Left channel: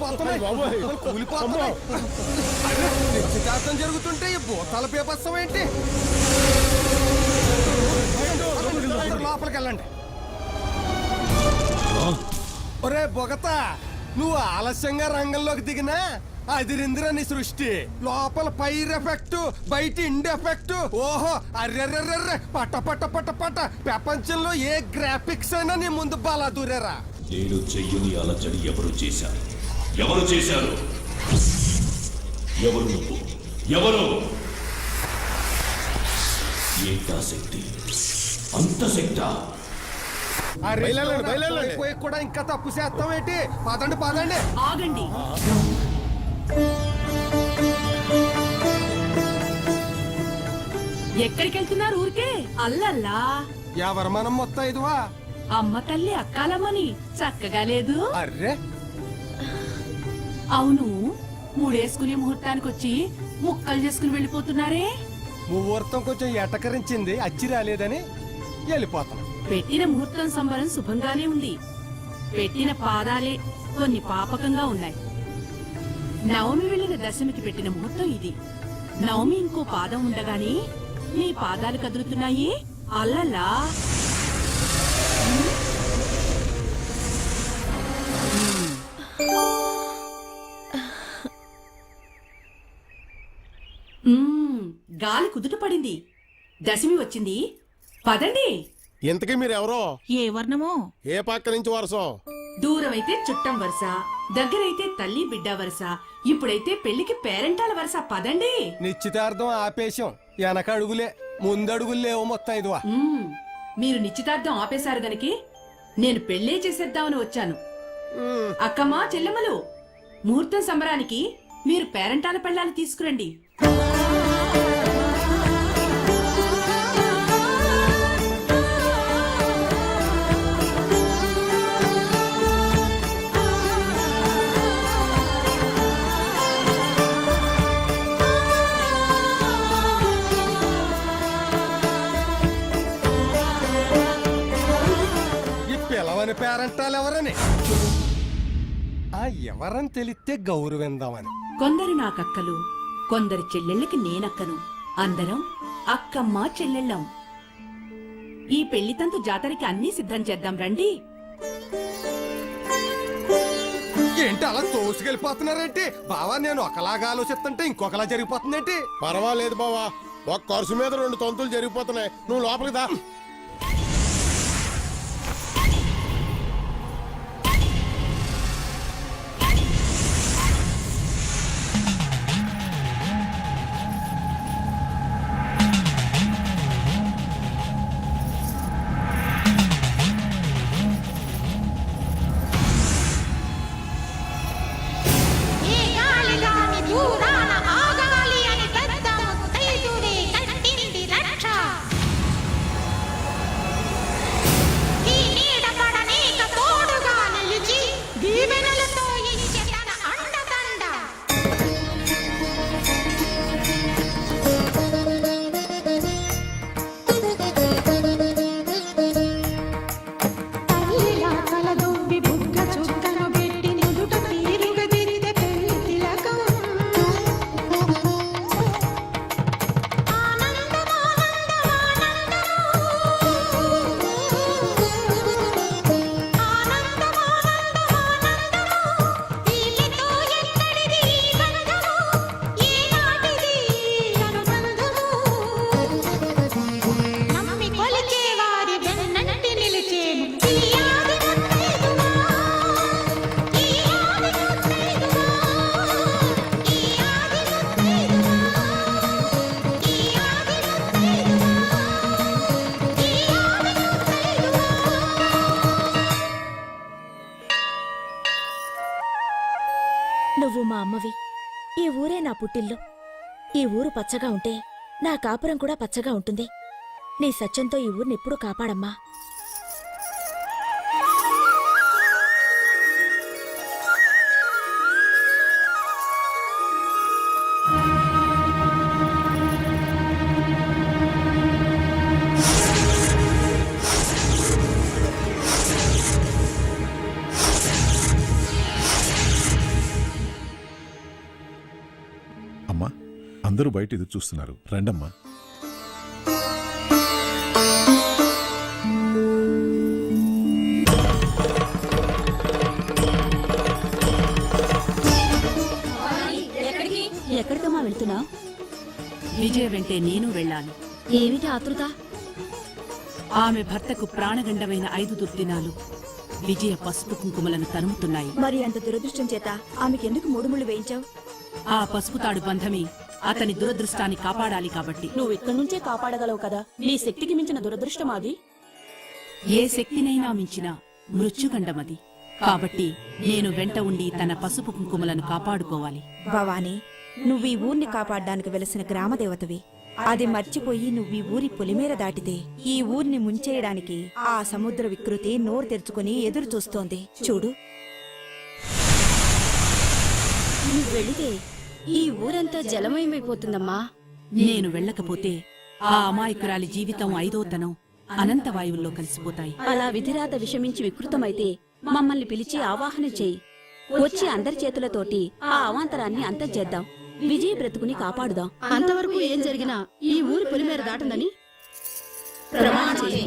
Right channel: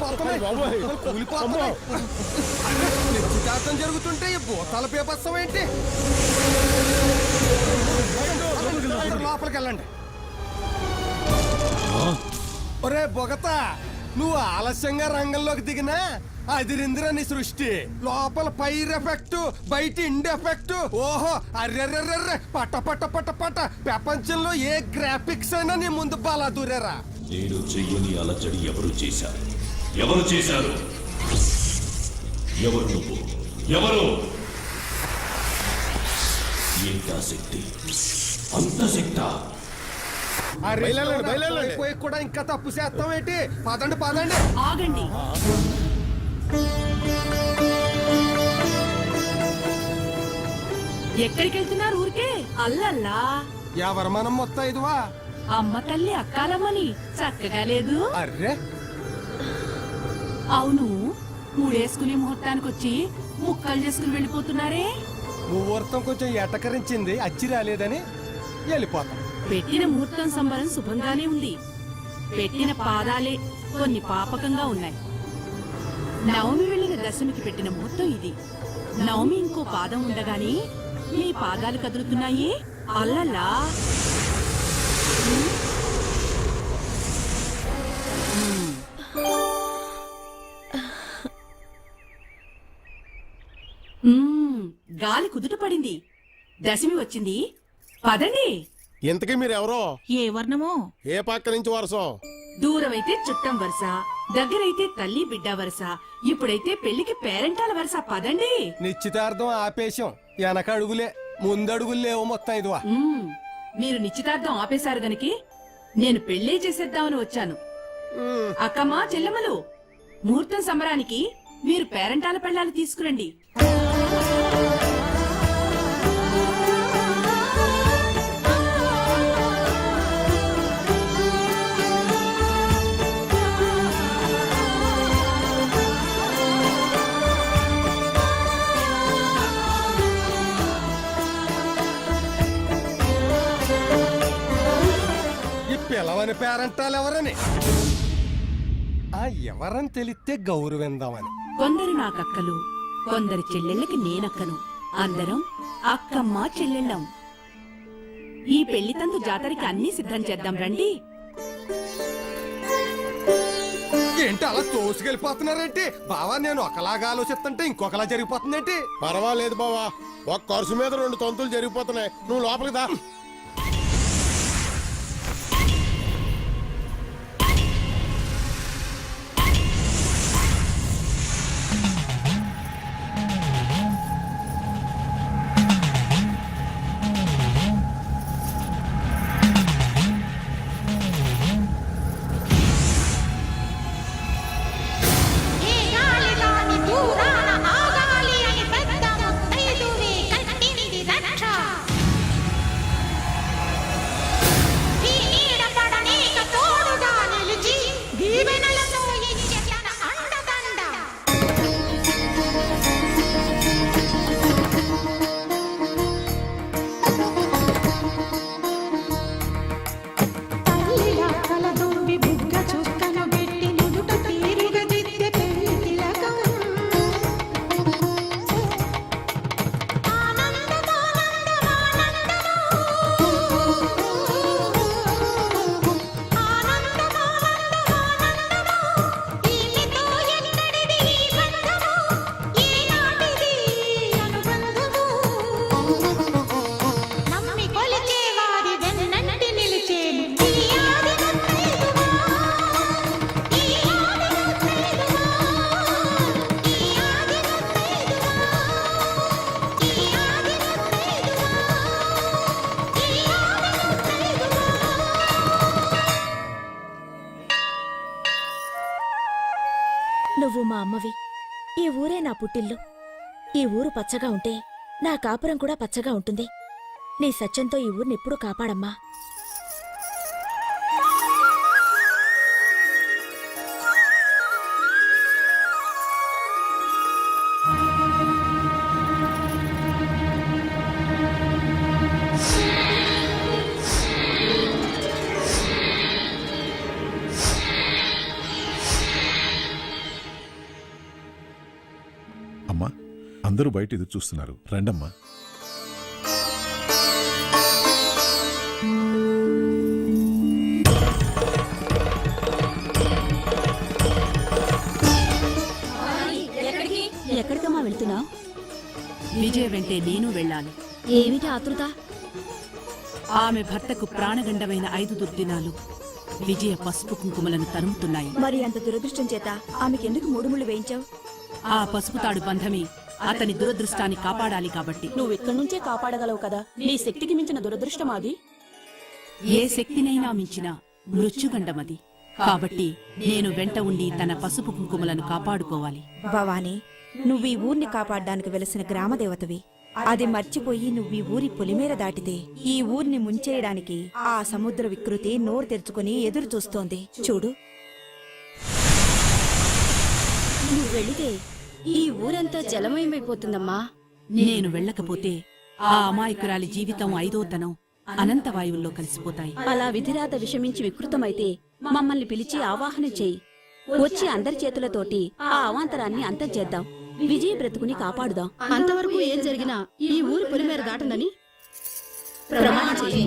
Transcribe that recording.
కూలిపోతున్నాయి కూలిపోతున్నాయి. అరే నిశ్చితార్థం జరుగుతుంటే ఈ భూతాల బీభత్సం ఏంటి? లోపలికి వెళ్ళండి. ఒరే బొగత, నువ్వు ఆలస్యంగా రంగంలోకి దిగినా అదిరిందిరా నీ సృష్టి. లోపల పైర్ ఎఫెక్ట్, బయట ఇండి ఎఫెక్ట్. ఓహో అర్రెర్రెర్రెర్రె పట్ట పట్ట పట్ట పట్ట. ప్రపంచంలో ఏ గ్రాఫిక్స్ అయినా నీ ముందు బాలా దూరేరా. నేను చెయ్యని అలచడి ఎవరు చేశారు? ఎవరు చేశారు? ఎవరు నువ్వు? ఎవరు? ఏంటా శక్తి? అంత శక్తా? పోయి కూడా ఇంకా తప్పు చేస్తాం ఏంటి? పదండి పదండి. ఆగండి. ఎక్కడికి వెళ్తున్నారు? ఊరికే అల్లల్లా. ఎవరు మనం మొత్తం ఇదివా? అమ్మ తల్లి అక్కాలమ్మని చక్కగా లేదు. అర్రే అవును, మూడేసుకునే ముహూర్తానికి వచ్చి ముక్కలు చేసుకుని వెళ్ళిపోతున్నారే. ముహూర్తం కొంచెం ఎటకరించింది, అచ్చి రాలేదని వెళ్ళిపోతాం. పెట్టిన ముహూర్తం సంబరం శుభంగానే ఉంది. పెట్టిన పాదాలే కొన్ని పాపకంగా ఉన్నాయి. నవమి వెళ్లిన దశమికి పెట్టిన ముహూర్తం ఇది. నవమి ఇంకో పాదం ఉండగానే మీ పాదాలు కదులుతున్నాయి. అల్లలా. గాలి కుదుట పడింది. దశమి వచ్చింది. పదండి. ఇంతకీ మీరెవరో? ఏ వర్ణమో? ఏ పక్క నుంచి వరసో? దూరమైతే చుట్టం వరుస, దగ్గరైతే తల్లి బిడ్డ వరుస, ఇప్పుడైతే పెళ్లికి పేరెంటాల వరుస. పదండి. నిశ్చితార్థం ఆపేశం. వెనక అడుగులే, ముందడుగులు లేవు మొత్తం ఇదివా. మీరు నిశ్చితార్థం ఆపేశారు గనకి నేను పెళ్లే చేసేద్దామని వచ్చాను. అక్కమ్మా చెల్లెమ్మలు, ముహూర్తం సంబరానికి మీరు పేరెంటాల పెళ్ళాలు తీసుకురండి. పిలవని పేరంటాలు ఎవరని, ఆ ఎవరని తెలిస్తే గౌరవిందామని. కొందరు నాకక్కలు, కొందరు చెల్లెళ్ళకి నేనక్కను. అందరం అక్కమ్మ చెల్లెళ్ళం. ఈ పెళ్లితంతు జాతరకి అన్నీ సిద్ధం చేద్దాం రండి. ఏంటి అలా తోసుకెళ్ళిపోతున్నారేంటి? బావా నేను ఒకలాగా ఆలోచిస్తుంటే ఇంకొకలా జరిగిపోతుందేంటి? పర్వాలేదు బావా, ఒక ఖర్చు మీద 2 తంతులు జరిగిపోతున్నాయి. నువ్వు లోపలికి దా. నువ్వు మా అమ్మవి. ఈ ఊరే నా పుట్టిల్లు. ఈ ఊరు పచ్చగా ఉంటే నా కాపురం కూడా పచ్చగా ఉంటుంది. నీ సత్యంతో ఈ ఊరినెప్పుడూ కాపాడమ్మా. అందరూ బయట ఎదురు చూస్తున్నారు, రండమ్మా. ఎక్కడికమ్మా వెళ్తున్నావు? విజయ వెంటే నేను వెళ్ళాలి. ఏమిటి ఆతృత? ఆమె భర్తకు ప్రాణగండమైన 5 దుర్దినాలు విజయ పసుపు కుంకుమలను తరుముతున్నాయి. మరి అంత దురదృష్టం చేత ఆమెకెందుకు 3 ముళ్ళు వేయించావు? ఆ పసుపు తాడు బంధమే అతని దురదృష్టాన్ని కాపాడాలి కాబట్టి. నువ్వు ఇక్కడి నుంచే కాపాడగలవు కదా. నీ శక్తికి మించిన దురదృష్టం అది. ఏ శక్తినైనా మించిన మృత్యుగండమది. కాబట్టి నేను వెంట ఉండి తన పసుపు కుంకుమలను కాపాడుకోవాలి. భవానీ, నువ్వు ఈ ఊర్ని కాపాడ్డానికి వెలసిన గ్రామదేవతవి. అది మర్చిపోయి నువ్వు ఈ ఊరి పొలిమేర దాటితే ఈ ఊర్ని ముంచేయడానికి ఆ సముద్ర వికృతి నోరు తెరుచుకుని ఎదురు చూస్తోంది. చూడు, నువ్వు వెళితే ఈ ఊరంతా జలమయమైపోతుందమ్మా. నేను వెళ్ళకపోతే ఆ అమాయకురాలి జీవితం 5వ తనం అనంతవాయువుల్లో కలిసిపోతాయి. అలా విధిరాత విషమించి వికృతమైతే మమ్మల్ని పిలిచి ఆవాహన చెయ్యి. వచ్చి అందరి చేతులతోటి ఆ అవాంతరాన్ని అంతం చేద్దాం. విజయ బ్రతుకుని కాపాడుదాం. అంతవరకు ఏం జరిగినా ఈ ఊరి పొలిమేర దాటనని ప్రమాణం చెయ్యి.